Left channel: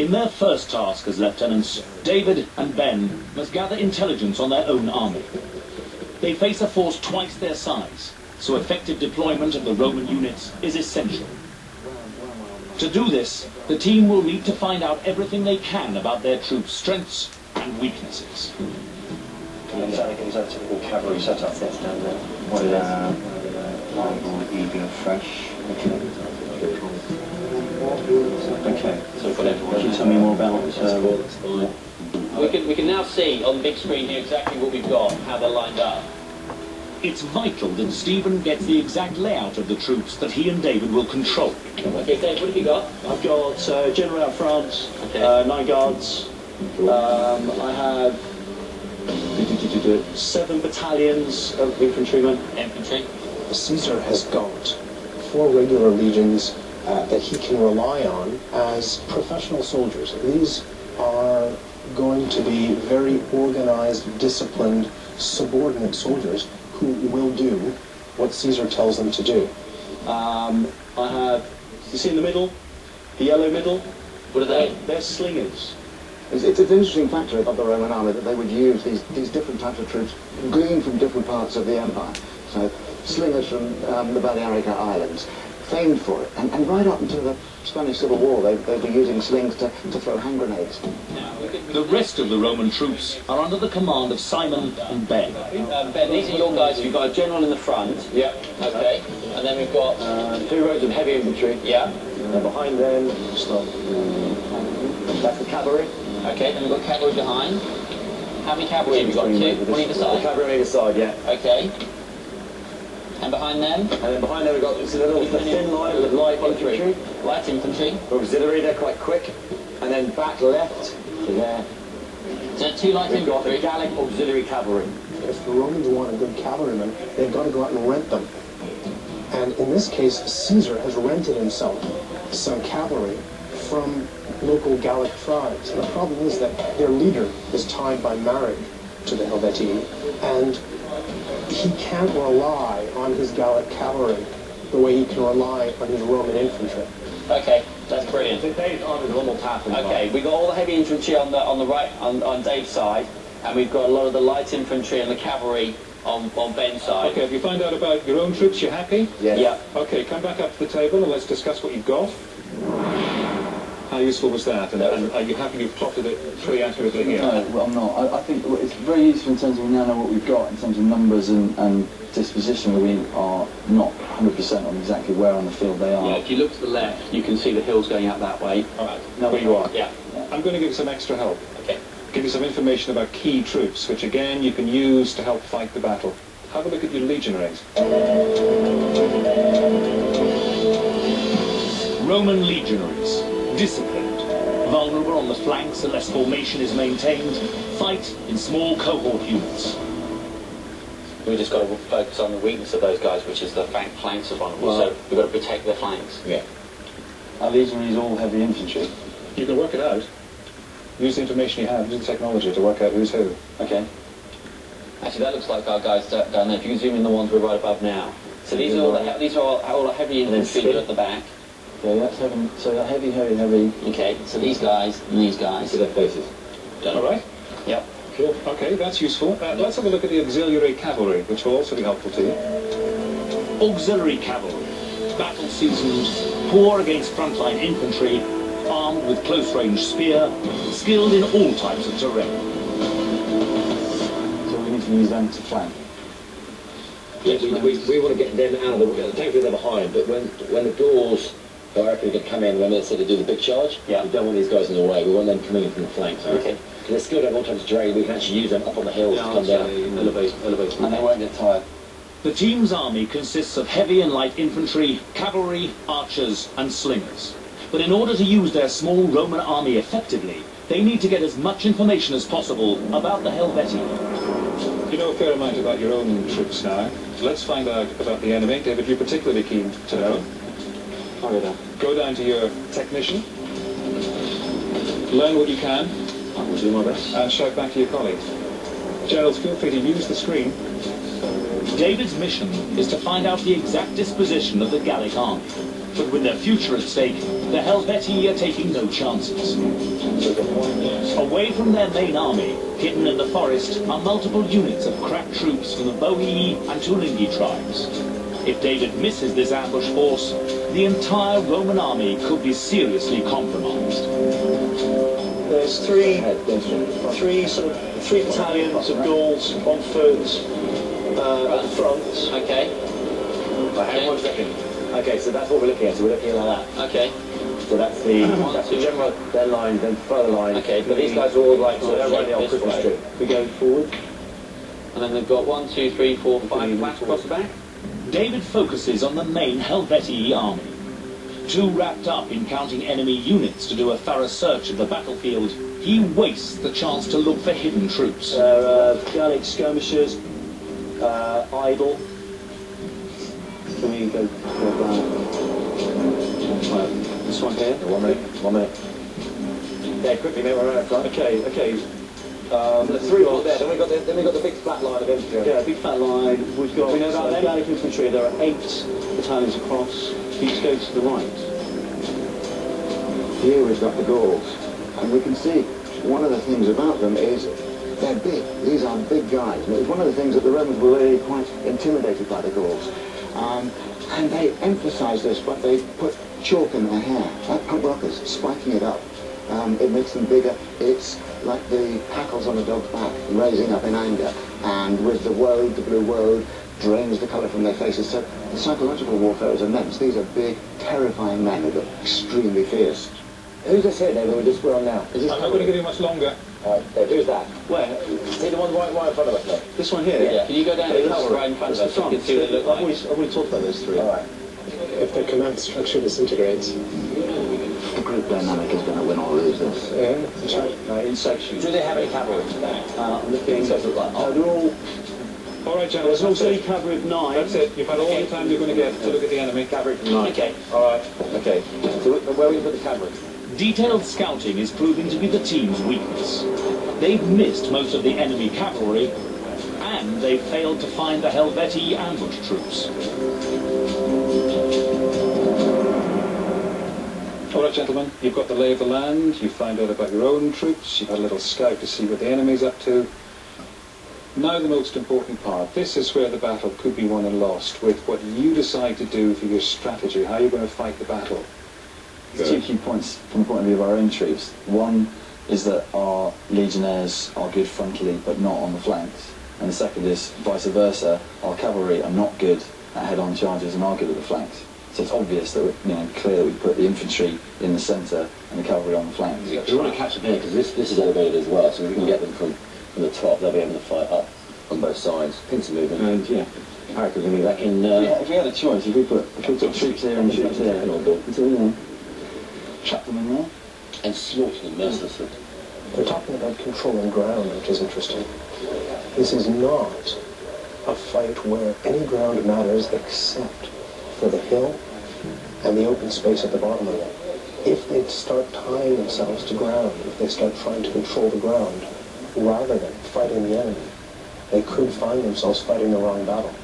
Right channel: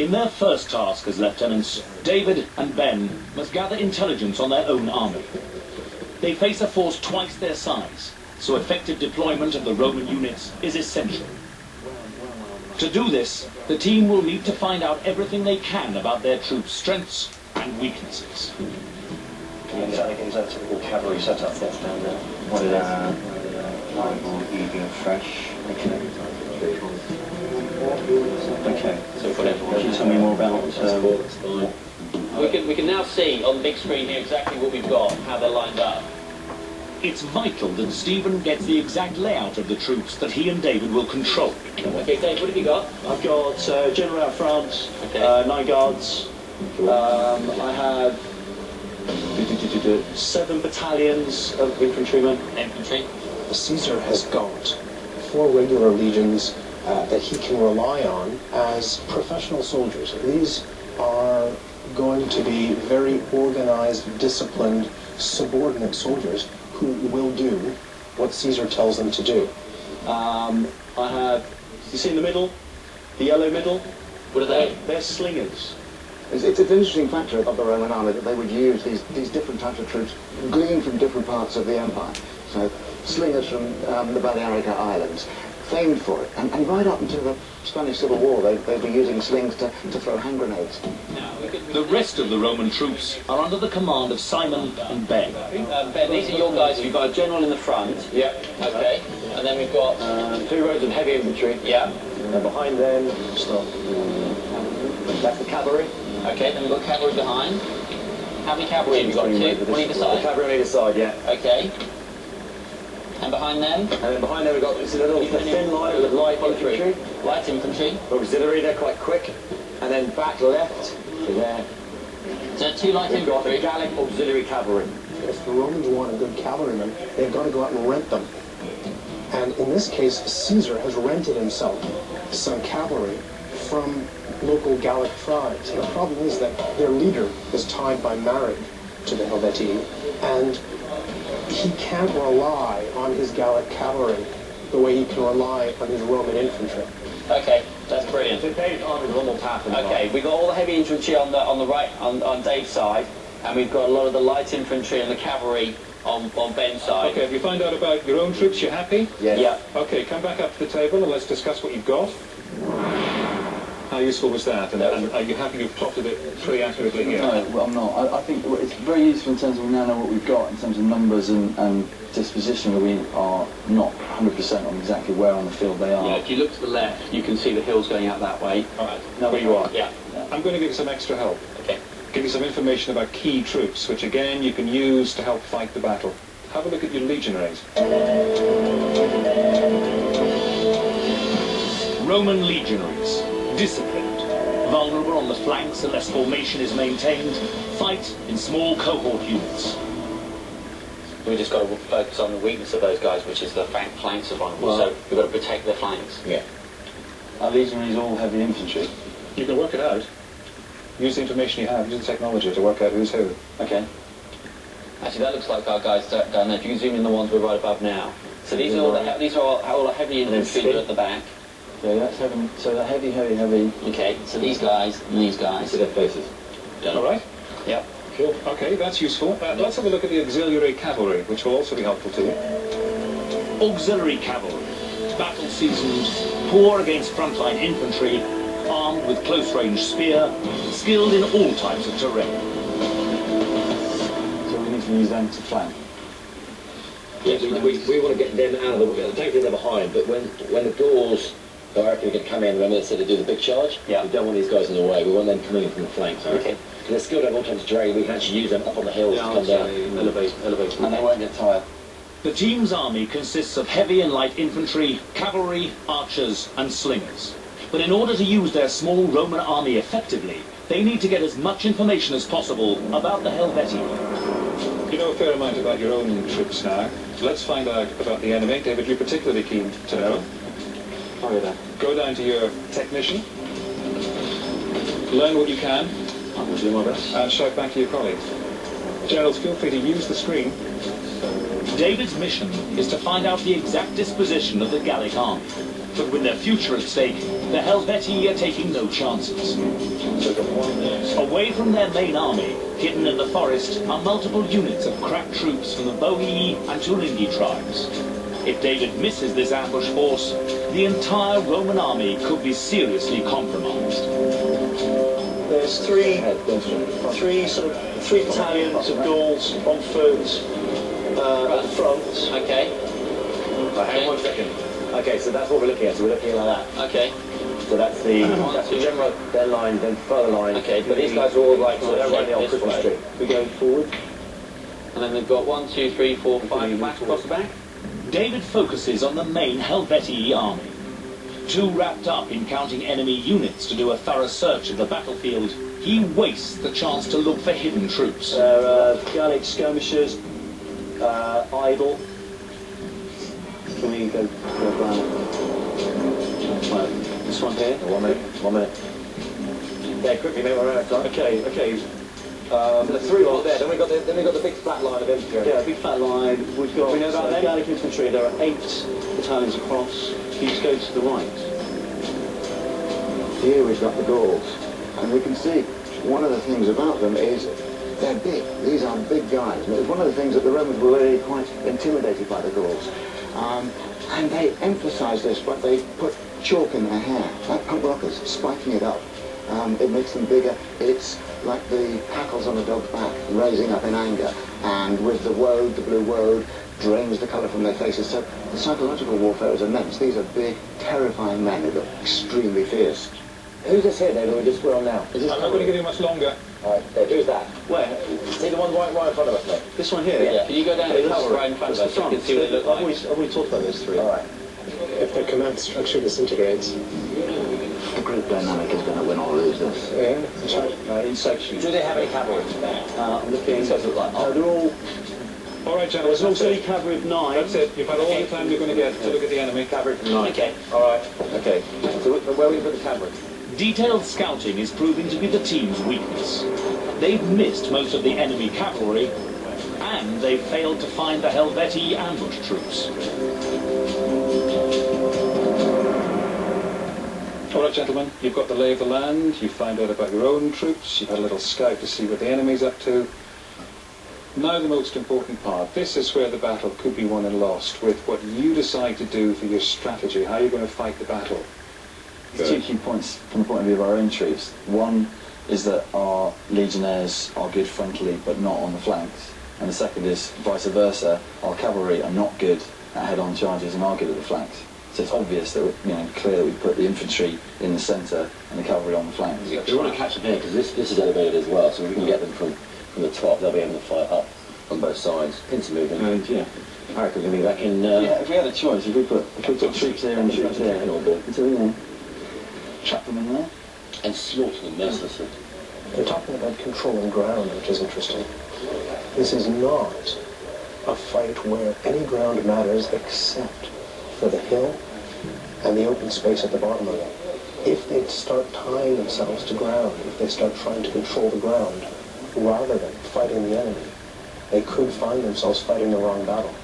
In their first task as lieutenants, David and Ben must gather intelligence on their own army. They face a force twice their size, so effective deployment of the Roman units is essential. To do this, the team will need to find out everything they can about their troops' strengths and weaknesses. Is that a typical cavalry setup that's down there? What it is? Pliable, eager, fresh. Okay, so we've got everyone. Can you tell me more about that's fine. We can now see on the big screen here exactly what we've got, how they're lined up. It's vital that Stephen gets the exact layout of the troops that he and David will control. Okay, Dave, what have you got? I've got General out France, okay. 9 guards. I have 7 battalions of infantrymen. Infantry. Caesar has got 4 regular legions that he can rely on as professional soldiers. These are going to be very organized, disciplined, subordinate soldiers who will do what Caesar tells them to do. I have, you see in the middle, the yellow middle? What are they? They're slingers. It's an interesting factor of the Roman army that they would use these different types of troops gleaned from different parts of the empire. So slingers from the Balearic Islands, famed for it. And right up until the Spanish Civil War, they were using slings to throw hand grenades. The rest of the Roman troops are under the command of Simon and Ben. Ben, these are your guys. We've got a general in the front. Yeah. Okay. And then we've got 2 rows of heavy infantry. Yeah. And behind them, that's the cavalry. Okay, then we've got cavalry behind. How many cavalry have you got? 2 on either side? The cavalry on either side, yeah. Okay. And behind them? And then behind them we've got this little thin line with light infantry. Light infantry. Auxiliary, they're quite quick. And then back left to there. So 2 light We've got the infantry. Gallic auxiliary cavalry. If the Romans want a good cavalryman, they've got to go out and rent them. And in this case, Caesar has rented himself some cavalry from local Gallic tribes. And the problem is that their leader is tied by marriage to the Helvetii, and he can't rely on his Gallic cavalry the way he can rely on his Roman infantry. Okay, that's brilliant. So Dave's army is a normal path. Okay, we've got all the heavy infantry on the right, on Dave's side, and we've got a lot of the light infantry and the cavalry on Ben's side. Okay, if you find out about your own troops, you're happy? Yes. Yeah. Okay, come back up to the table and let's discuss what you've got. How useful was that? And are you happy you've plotted it pretty accurately here? No, well, I'm not. I think it's very useful in terms of we now know what we've got in terms of numbers and disposition, that we are not 100% on exactly where on the field they are. Yeah, if you look to the left, you can see the hills going out that way. All right, now where you are. Yeah. I'm going to give you some extra help. Okay. Give you some information about key troops, which again you can use to help fight the battle. Have a look at your legionaries. Roman legionaries, disciplined, vulnerable on the flanks unless formation is maintained, fight in small cohort units. We've just got to focus on the weakness of those guys, which is the flanks are vulnerable, so we've got to protect their flanks. Yeah. Our legionaries all heavy infantry. You can work it out. Use the information you have, use the technology to work out who's who. Okay. Actually, that looks like our guys down there. If you can zoom in the ones we're right above now. So these are all the heavy infantry that are at the back. Okay, that's heavy. So that heavy. Okay, so these guys and these guys. See their faces. Done. All right? Yep. Cool. Okay, that's useful. Let's have a look at the auxiliary cavalry, which will also be helpful to you. Auxiliary cavalry, battle-seasoned, poor against frontline infantry, armed with close-range spear, skilled in all types of terrain. So we need to use them to flank. Yes, we want to get them out of the way. Thankfully they're behind, but when the doors are going to come in, when they said to do the big charge, we don't want these guys in the way. We want them coming in from the flanks. Okay. Because they're skilled at all types of terrain. We can actually use them up on the hills to come down. Elevate. And they won't get tired. The team's army consists of heavy and light infantry, cavalry, archers, and slingers. But in order to use their small Roman army effectively, they need to get as much information as possible about the Helvetii. You know a fair amount about your own troops now. Let's find out about the enemy. David, you're particularly keen to know. Go down to your technician. Learn what you can. I will do my best. And shout back to your colleagues. Generals, feel free to use the screen. David's mission is to find out the exact disposition of the Gallic army. But with their future at stake, the Helvetii are taking no chances. Away from their main army, hidden in the forest, are multiple units of crack troops from the Boii and Tulingi tribes. If David misses this ambush force, the entire Roman army could be seriously compromised. There's three battalions of Gauls on foot at the front. Okay. Right, hang on 1 second. Okay, so that's what we're looking at. So we're looking at like that. Okay. So that's the general, their line, then further line. Okay, but these guys are all like, so they're running on Christmas Street. We're going forward. And then they've got 1, 2, 3, 4, 5 flanks across the back. David focuses on the main Helvetii army. Too wrapped up in counting enemy units to do a thorough search of the battlefield, he wastes the chance to look for hidden troops. Gallic skirmishers, idle. Can we go this one here? 1 minute, 1 minute. Yeah, quickly, mate, we're out of time. Okay. The 3 are there, then we got the big flat line of infantry. Yeah, big flat line. We've got we know about them? Gallic infantry. There are 8 battalions across. Please go to the right. Here we've got the Gauls, and we can see one of the things about them is they're big. These are big guys. And it was one of the things that the Romans were really quite intimidated by the Gauls. And they emphasise this, but they put chalk in their hair, like punk rockers, spiking it up. It makes them bigger. It's like the hackles on a dog's back, raising up in anger. And with the woad, the blue woad, drains the colour from their faces. So the psychological warfare is immense. These are big, terrifying men who look extremely fierce. Who's this here, David? We're on now. I'm not going to give you much longer. All right, Dave, who's that? Where? See the one right in front of us, mate? This one here? Yeah. Can you go down to the cavalry right in front of us so we can see what they look like? I've already talked about those 3. All right. If the command structure disintegrates. The group dynamic is going to win or lose this. Yeah, that's right. In sections. Do they have any cavalry? I'm looking. These guys look like They're all. All right, gentlemen, There's an that's auxiliary it. cavalry of 9. That's it. You've had all the time you're going to get to look at the enemy. cavalry from 9. Okay. All right. Okay. So where are we going to put the cavalry? Detailed scouting is proving to be the team's weakness. They've missed most of the enemy cavalry, and they've failed to find the Helvetii ambush troops. All right, gentlemen, you've got the lay of the land, you find out about your own troops, you've had a little scout to see what the enemy's up to. Now the most important part. This is where the battle could be won and lost, with what you decide to do for your strategy, how you're going to fight the battle. There's 2 key points from the point of view of our own troops. One is that our legionnaires are good frontally but not on the flanks. And the second is vice versa, our cavalry are not good at head-on charges and are good at the flanks. So it's obvious that clear that we put the infantry in the centre and the cavalry on the flanks. We want to catch them here because this is elevated as well, so if we can get them from the top, they'll be able to fight up on both sides, pincer movement. And yeah, I reckon we're going to be back in. Yeah, if we had a choice, if we put troops here and troops here, until trap them in there and slaughter them mercilessly. They're talking about controlling ground, which is interesting. This is not a fight where any ground matters except for the hill and the open space at the bottom of it. If they start tying themselves to ground, if they start trying to control the ground rather than fighting the enemy, they could find themselves fighting the wrong battle.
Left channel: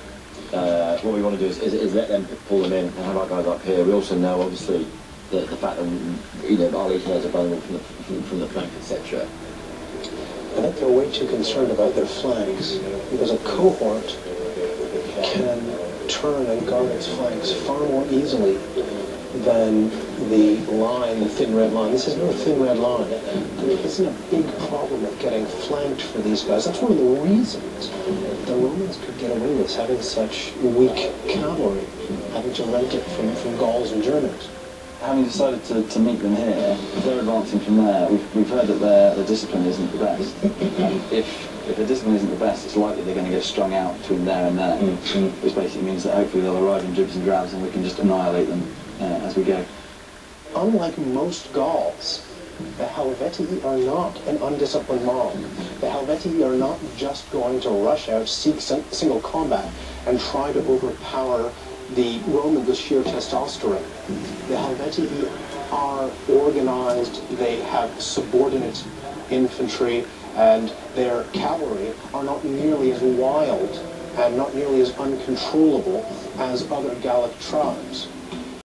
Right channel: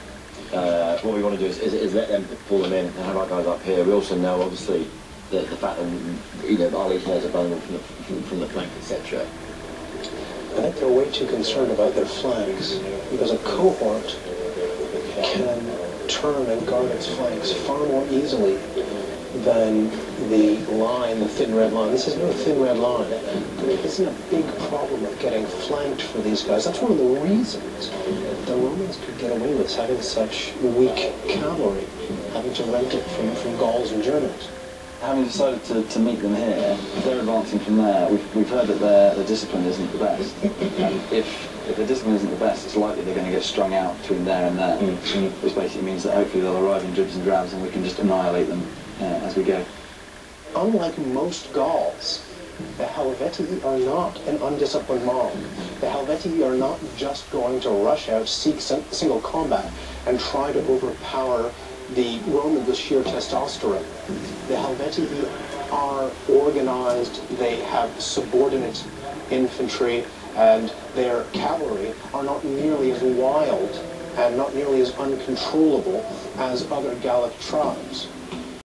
What we want to do is let them pull them in and have our guys up here. We also know, obviously, the fact that our legionnaires are vulnerable from the flank, etc. I think they're way too concerned about their flanks, because a cohort can turn and guard its flanks far more easily than the line, the thin red line. This is no thin red line. I mean, isn't a big problem of getting flanked for these guys. That's one of the reasons the Romans could get away with having such weak cavalry, having to rent it from Gauls and Germans. Having decided to meet them here, if they're advancing from there, we've heard that their discipline isn't the best. And if the discipline isn't the best, it's likely they're going to get strung out between there and there, which basically means that hopefully they'll arrive in dribs and drabs and we can just annihilate them as we go. Unlike most Gauls, the Helvetii are not an undisciplined mob. The Helvetii are not just going to rush out, seek single combat, and try to overpower the Romans with sheer testosterone. The Helvetii are organized, they have subordinate infantry, and their cavalry are not nearly as wild and not nearly as uncontrollable as other Gallic tribes.